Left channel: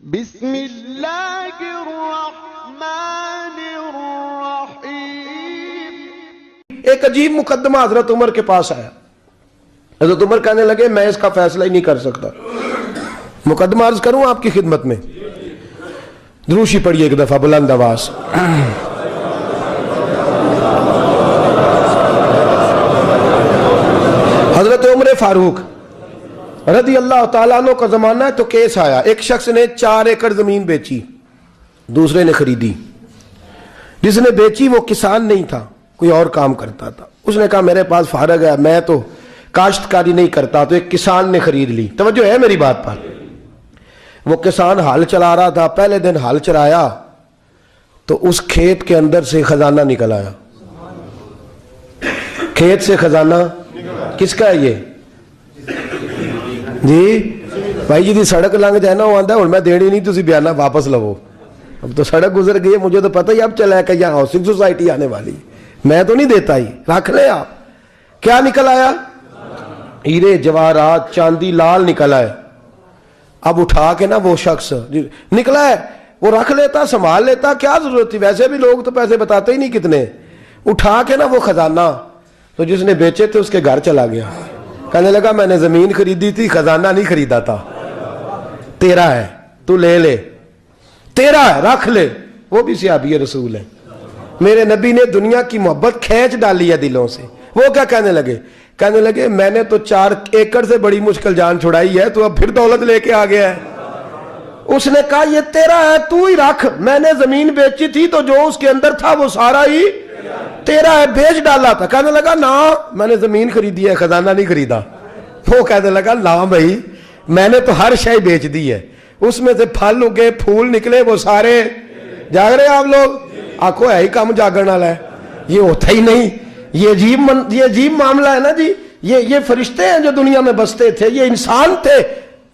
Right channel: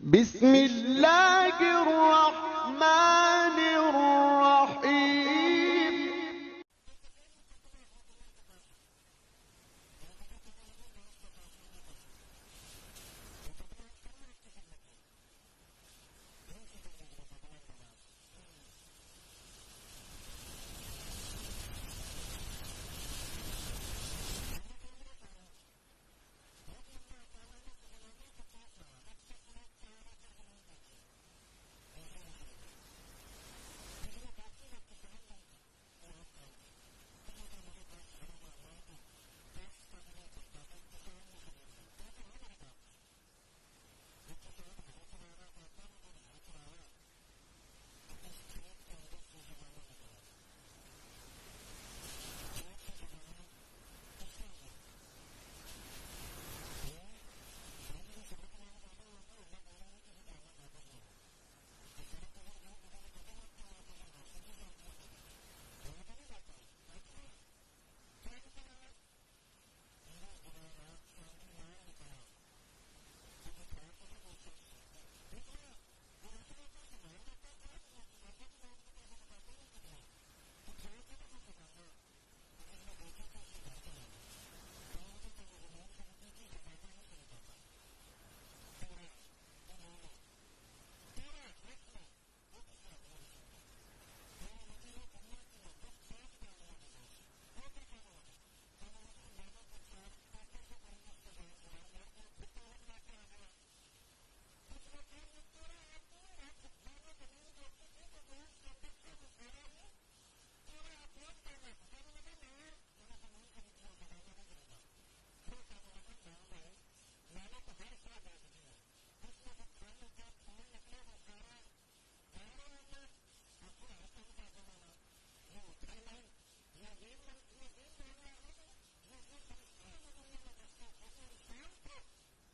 بسم اللہ الرحمن الرحیم۔ ایک عجیب مقدمہ حضرت عمر کے پاس آیا۔ حضرت عمر کہنے لگے میں اس کا فیصلہ ہی نہیں کر سکتا۔ مقدمہ عرض کروں آپ کی خدمت میں؟ دروشی پڑھیے ایک دفعہ بلند آواز۔ حضرت عمر فاروق رضی اللہ تعالیٰ عنہ کا زمانہ ہے تو کیس آیا، ایک شخص نے 4 ایکڑ زمین بیچی، دوسرے نے خریدی۔ جس نے بیچی وہ کسان نہیں تھا، کوئی اور کام کرتا تھا۔ اس نے کہا میرے پاس فارغ ہے، میں تو کاشتکاری نہیں کرتا، تو ایک کسان نے خرید لی۔ توجہ ہے میری بات پر؟ وہ کسان ہل چلا رہا تھا، پہلے دن ہل چلایا تو اس کھیت کے اندر سے خزانہ نکل آیا۔ کھیت سے خزانہ کس کا ہے یہ؟ جی بھائی جی دی سڑک لنگ جائے نا وہ آندہ ہے اور میں دینی نہیں تسی بیانہ واپس لو۔ اب تو سڑک گزر گئی ہے، مجھے تو پتہ ہی اب چلا ہے کہ یہاں ہاؤسنگ سوسائٹی آنے والی، میں تو نہیں دیتا ہی، رکھ لیں آپ۔ کیا نکل آیا؟ ہیرے جواہرات چاندی لال نکل آئے۔ اب اٹھا کے نا وہ شخص نکلا ہے وہ رکھ لیتا، سنبھال لیتا، کیا ضرورت تھی؟ ویسے بھی لوگ تو پیسے بتاتے ہی نہیں کتنے۔ اٹھا کے نا وہ خزانہ تو جس نے بیچے تھے اس کے گھر چلا گیا، کہنے لگا میں نے زمین خریدی تھی، خزانہ نہیں خریدا تھا، تیرا ہے، تو لے لے، تیرا ہے، رکھ لے۔ وہ بھی صحابی رسول ہے، میرے نبی نے دنیا کی محبت کھینچ ڈالی ہے دلوں سے۔ وہ کیا کہنے لگے؟ کہنے لگے میں نے تو 4 ایکڑ سے بڑی مشکل جان چھڑائی ہے، تو اب پھر دولت لے کے آ گیا ہے۔ اس نے کہا یہ تیرا ہے، تو ہی رکھ، میں نے زمین بیچی تھی تو جو اس کے اندر تھا وہ سارا ہی تیرا ہے، بیچ ڈالا تھا۔ کہنے لگا نا میں نے زمین خریدی ہے، خزانہ نہیں خریدا۔ وہ کہنے لگا لا بھائی میں نے تو ہر شے بیچ دی ہے، اس میں سے پھل اگے پھول نکلے وہ سارے۔ جاگ رہے آپ لوگ؟ آنکھوں ہے ہی کام جاگرن والا ہے، یہ ہوتا ہی نہیں۔ یہ عجیب معاملہ ہے نا جی۔ یہ فرشتے ہیں جو دنیا میں بستے تھے، یہ انسان تھے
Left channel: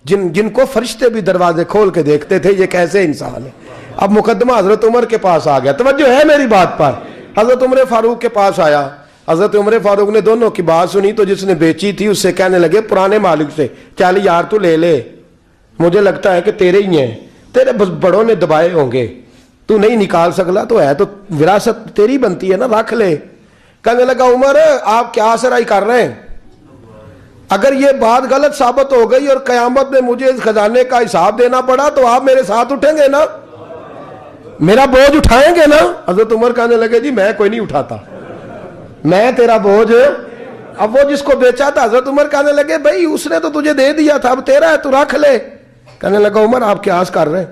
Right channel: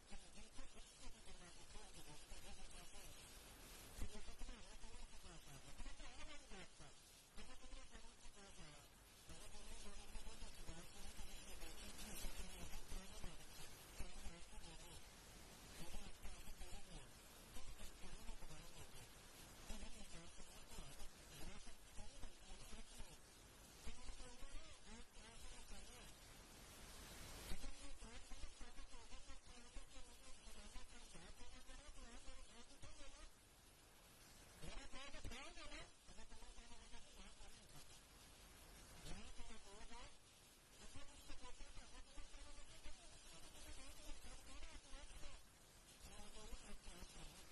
جن کو فرشتے بھی دروازے کھول کے دیکھتے تھے یہ کیسے انسان ہے۔ اب مقدمہ حضرت عمر کے پاس آ گیا، توجہ ہے میری بات پر؟ حضرت عمر فاروق کے پاس آیا۔ حضرت عمر فاروق نے دونوں کی بات سنی تو جس نے بیچی تھی اس سے کہنے لگے پرانے مالک سے، چل یار تو لے لے، مجھے لگتا ہے کہ تیرے ہی ہیں، تیرے بڑوں نے دبائے ہوں گے، تو نہیں نکال سکلا، تو ہے تو وراثت تیری بنتی ہے نا، رکھ لے۔ کہنے لگا عمر آپ کیا سرائی کر رہے ہیں؟ اگر یہ بات غلط ثابت ہو گئی اور قیامت میں مجھے اس خزانے کا حساب دینا پڑا تو آپ میرے ساتھ اٹھیں گے نا، میرا بوجھ اٹھائیں گے نا؟ حضرت عمر کہنے لگے جی میں کوئی نہیں اٹھاتا، میں تیرا بوجھ۔ اب وہ جس کو بیچا تھا حضرت عمر کہنے لگے بھائی اس نے تو تجھے دے دیا تھا، اب تیرا ہے تو رکھ لے۔ کہنے لگا عمر آپ قیاس کر رہے ہیں،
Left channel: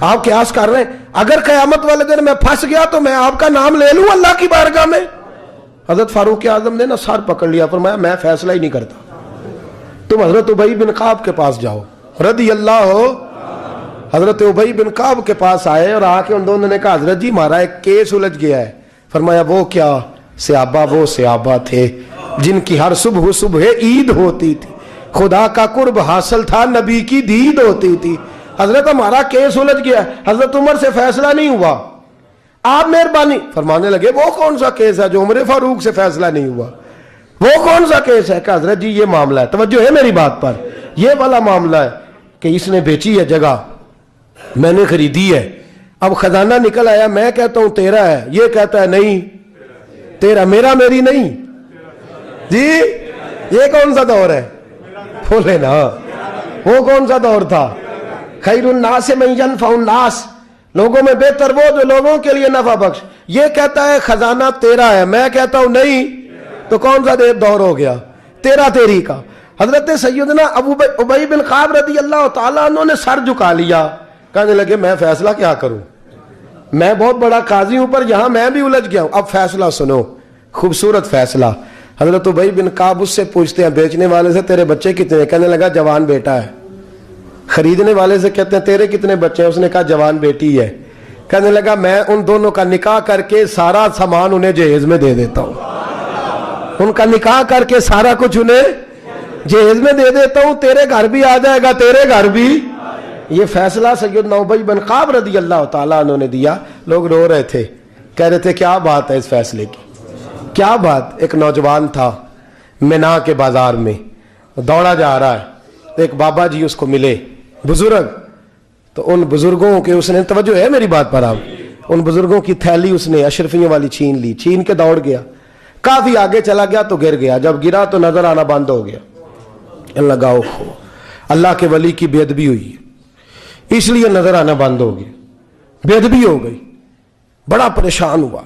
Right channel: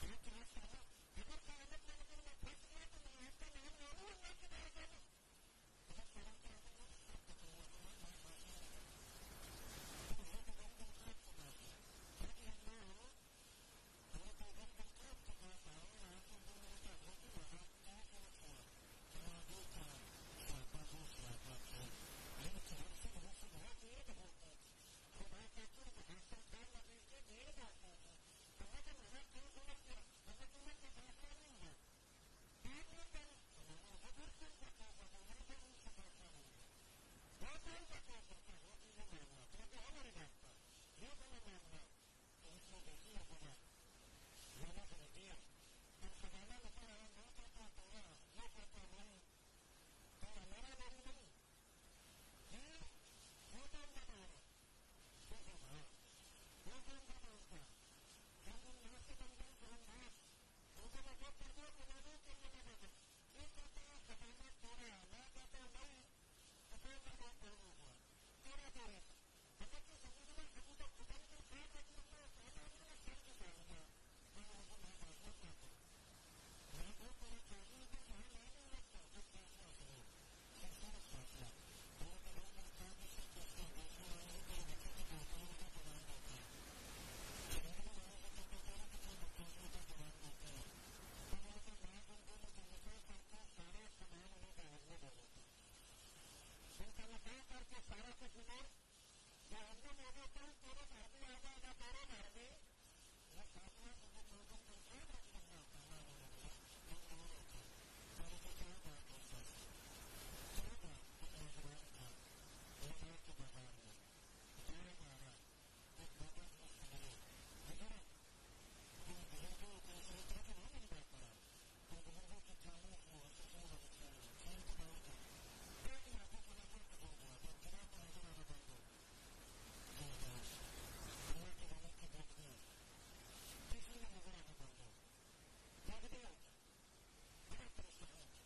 آپ قیاس کر رہے ہیں، اگر قیامت والے دن میں پھنس گیا تو میں آپ کا نام لے لوں اللہ کی بارگاہ میں؟ حضرت فاروق اعظم نے نا سر پکڑ لیا، فرمایا میں فیصلہ ہی نہیں کرتا، تم حضرت ابی بن کعب کے پاس جاؤ رضی اللہ ہو۔ حضرت ابی بن کعب کے پاس آئے اور آ کے ان دونوں نے کہا حضرت جی ہمارا ایک کیس الجھ گیا ہے۔ فرمایا وہ کیا؟ وہ صحابہ تھے جن کی ہر صبح عید ہوتی تھی، خدا کا قرب حاصل تھا، نبی کی دید ہوتی تھی۔ حضرت ہمارا کیس الجھ گیا، حضرت عمر سے فیصلہ نہیں ہوا، آپ مہربانی فرمانے لگے وہ کون سا کیس ہے جو عمر فاروق سے فیصلہ نہیں ہوا؟ وہ کون سا کیس ہے؟ کہ حضرت جی یہ معاملہ ہے، توجہ ہے میری بات پر، یہ والا معاملہ ہے کہ اس نے بیچی ہے جگہ، میں نے خریدی ہے، اب خزانہ نکل آیا، میں کہتا ہوں تیرا ہے، یہ کہتا ہے نہیں تیرا، میرا میری نہیں۔ جی یہ کون سا دور ہے؟ بولے نا وہ کون سا دور تھا؟ خیر الناس من ینفع الناس، لوگوں میں بہتر وہ جو لوگوں کے لیے نفع بخش۔ یہ کہتا ہے خزانہ تیرا ہے، میں کہتا ہوں نہیں، تو کون سا دور ہو گیا؟ تیرا تیری کا۔ حضرت سیدنا ابی بن کعب رضی اللہ تعالیٰ عنہ نے سر جھکا لیا، کہنے لگے میں فیصلہ کیا کروں، میں بہت بڑا قاضی ہوں پر یہاں میں بھی الجھ گیا ہوں، اب فیصلہ سنو، خوبصورت فیصلہ۔ حضرت ابی بن کعب اس سے پوچھتے ہیں بیچنے والے سے تیرے بچے کتنے ہیں؟ کہنے لگا جوان بیٹا ہے۔ خریدنے والے سے کہتے ہیں تیرے کتنے بچے ہیں؟ اس نے کہا جوان بیٹی ہے۔ کہنے لگا میں ان دونوں کا نکاح کر کے سارا سامان انہیں جہیز میں دے دیتا ہوں، ان کا نکاح کر کے سارا کچھ انہیں جہیز میں دے دیتا ہوں، تیرے گھر بھی آ جائے گا، تیرے گھر بھی۔ یہ فیصلہ سیدنا ابی بن کعب رضی اللہ تعالیٰ عنہ نے دیا۔ لوگ رو رہے تھے، کہہ رہے تھے کیا بات ہے اس فیصلے کی، کیا بات؟ ایک نوجوان تھا مینا کے بازار میں، دوڑا جا رہا ہے، ایک بابا جی اس کو ملے، بزرگ، تو ان بزرگوں کے اس نے, توجہ ہے میری بات پر آپ, ان بزرگوں کی تھیلی اس نے اشرفیوں والی چھین لی, چھین کے دوڑ گیا, کافی آگے چلا گیا تو گر گیا, جب گرا تو نظر آنا بند ہو گیا. لگاؤ اللہ کے ولی کی بے ادبی ہوئی اس لیے نظر آنا بند ہو گیا, بے ادبی ہو گئی, بڑا پریشان ہوا,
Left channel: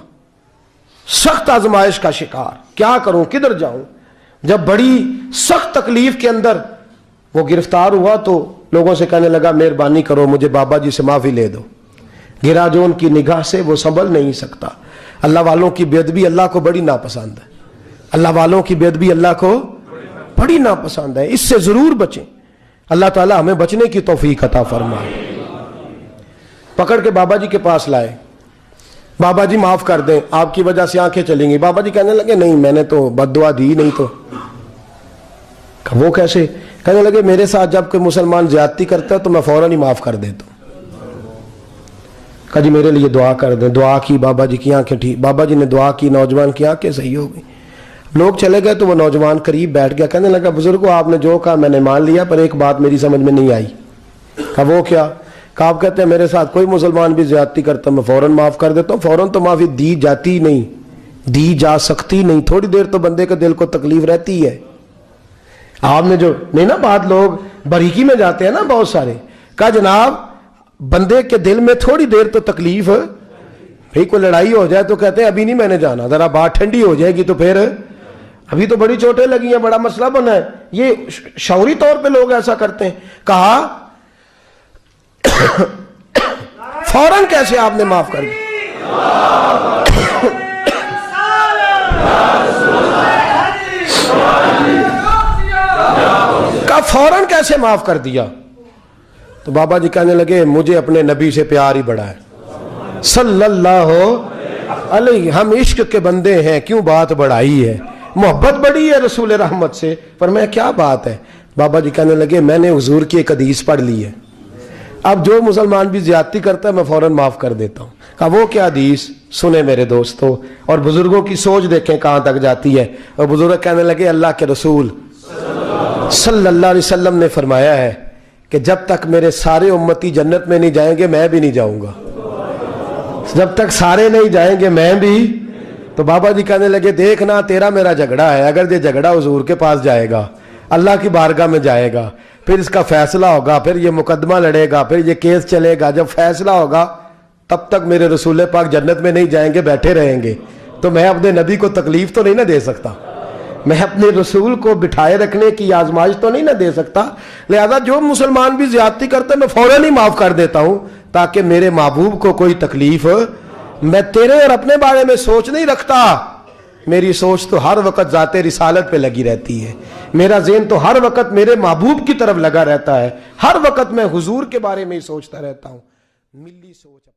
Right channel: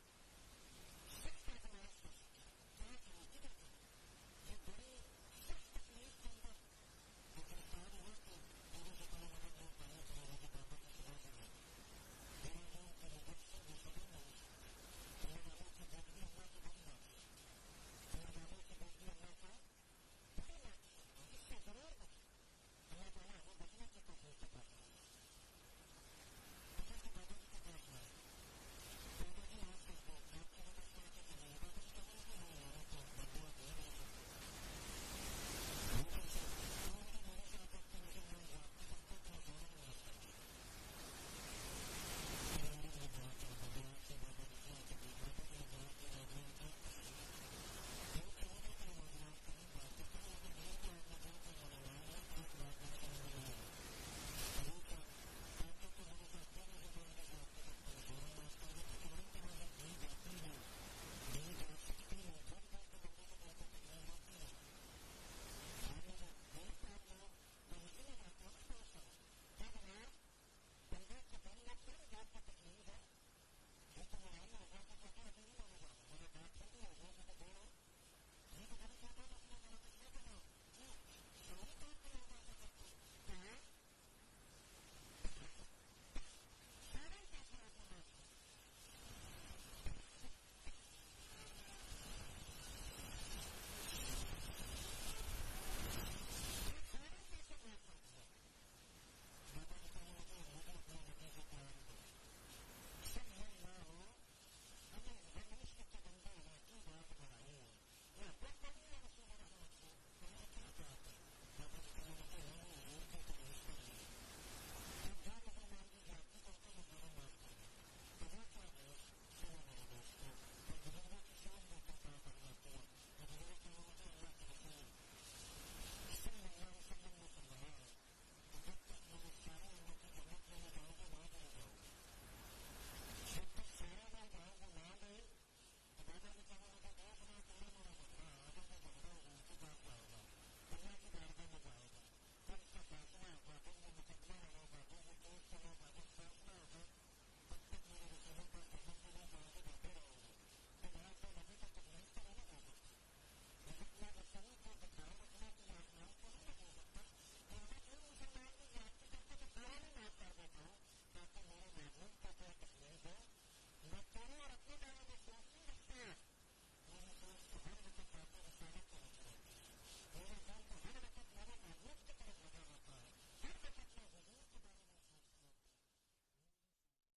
سخت آزمائش کا شکار, کیا کروں کدھر جاؤں. جب بڑی سخت تکلیف کے اندر وہ گرفتار ہوا تو لوگوں سے کہنے لگا مہربانی کرو مجھے بابا جی سے معافی لے دو. گرا جو ان کی نگاہ سے وہ سنبھل نہیں سکتا. اللہ والوں کی بے ادبی اللہ کو بڑی ناپسند ہے, اللہ والوں کی بے ادبی اللہ کو بڑی ناپسند ہے, اس سے ضرور بچیں. اللہ تعالی ہمیں بچنے کی توفیق عطا فرمائے. پکڑ کے بابا جی کے پاس لائے, بابا جی معاف کر دیں آپ کی وجہ سے آنکھیں چلیں گی. بابا جی کہنے لگے نہیں میں نے تو بد دعا دی نہیں. تو وہ کیسے؟ کہنے لگے میرے ساتھ جب کوئی مسلمان زیادتی کرتا ہے تو میں فوراً ہی معاف کر دیتا ہوں. کہا جی میرے لیے دعا کر دیں. دعا کی, بابا جی کی آنکھیں ٹھیک, بابا جی نے دعا کی, نوجوان کی آنکھیں صحیح ہو گئی. لوگ چلے گئے تو وہ نوجوان قریب بیٹھ گیا, کہنے لگا بزرگو آپ نے جو کہا میں نے مان لیا, پر ایک بات میری سمجھ میں نہیں آئی. کہا وہ کیا؟ کہا آپ کہتے ہیں میرے ساتھ کوئی مسلمان بھی زیادتی کرتا میں فوراً معاف کر دیتا ہوں. فوراً تو معافی دی جاتی نہیں, دی جا سکتی نہیں, تھوڑی دیر تو بندے کے دل کو تکلیف رہتی ہے. آپ نے جو نہیں نا بات, لوگ بریکی میں جاتے ہیں نا بہت سارے. کہا جناب بندے کے دل میں تھوڑی دیر تو تکلیف, بھئی کوئی لڑائی ہو جائے تو کہتے ہیں ابھی نہیں میں نے جانا, ذرا بات ٹھنڈی ہو جائے گی تو پھر, ابھی تو بڑی چوٹیں لگی ہیں, بڑا مسئلہ بنا ہے. یہ شعوری طور پہ لوگ ایسا کرتے ہیں. کہا فوراً کیسے آپ نے معاف کر دیا؟ کہا فوراً کیسے معاف کر دیا؟ تو بابا جی کہنے لگے مجھے اپنے نبی سے پیار ہی بڑا ہے صلی اللہ علیہ, ہم عشق کے بندے ہیں, کیوں بات بڑھائی ہے, محبت بڑی ہے رسول رحمت سے, پر میں کیا بات ہے. بابا جی کہنے لگے میں نے حضور کی ایک حدیث پڑھ لی ہے, اب جو مسلمان بھی زیادتی کرتا ہے میں فوراً معاف کر دیتا ہوں. کہا وہ کیا حدیث؟ سنیں میرے دوستو, اور بزرگوں کی سوچ دیکھیں کہاں تک جاتی ہے. اور بزرگ کہنے لگے اللہ کے رسول صلی اللہ علیہ وسلم نے فرمایا ہے کہ جب تک میرے سارے امتی جنت میں نہیں جائیں گے میں بھی نہیں جاؤں گا, جب تک سارے نہیں جائیں گے میں بھی. تو بابا جی کہنے لگے دیکھنا تیرا میرا جھگڑا ہے, اگر یہ جھگڑا حضور کے پاس جائے گا, اللہ کی بارگاہ میں جائے گا, پھر اس کا فیصلہ ہوگا, پھر یہ مقدمہ لڑے گا, پھر یہ کیس چلے گا, جب فیصلہ ہوگا تب تک میرے رسول پاک جنت میں نہیں جائیں گے, بیٹھے رہیں گے. تو میں اپنے نبی کو تکلیف تو نہیں نہ دے سکتا, میں اپنے رسول کو بٹھائے رکھنے کی آزمائش تو نہیں نہ دے سکتا. لہذا جو مسلمان بھی زیادتی کرتے میں فوراً ہی معاف کر دیتا ہوں تاکہ میرے محبوب کو کوئی تکلیف. میں تیرے اور اپنے بارے میں سوچ نہیں رکھتا, میری سوچ تو ہر وقت ذات رسالت پہ لگی رہتی ہے, میرا ذہن تو ہر وقت میرے محبوب کی طرف لگا رہتا ہے, ہر وقت میں حضور کے بارے میں ہی سوچتا رہتا ہوں. ملی سوچ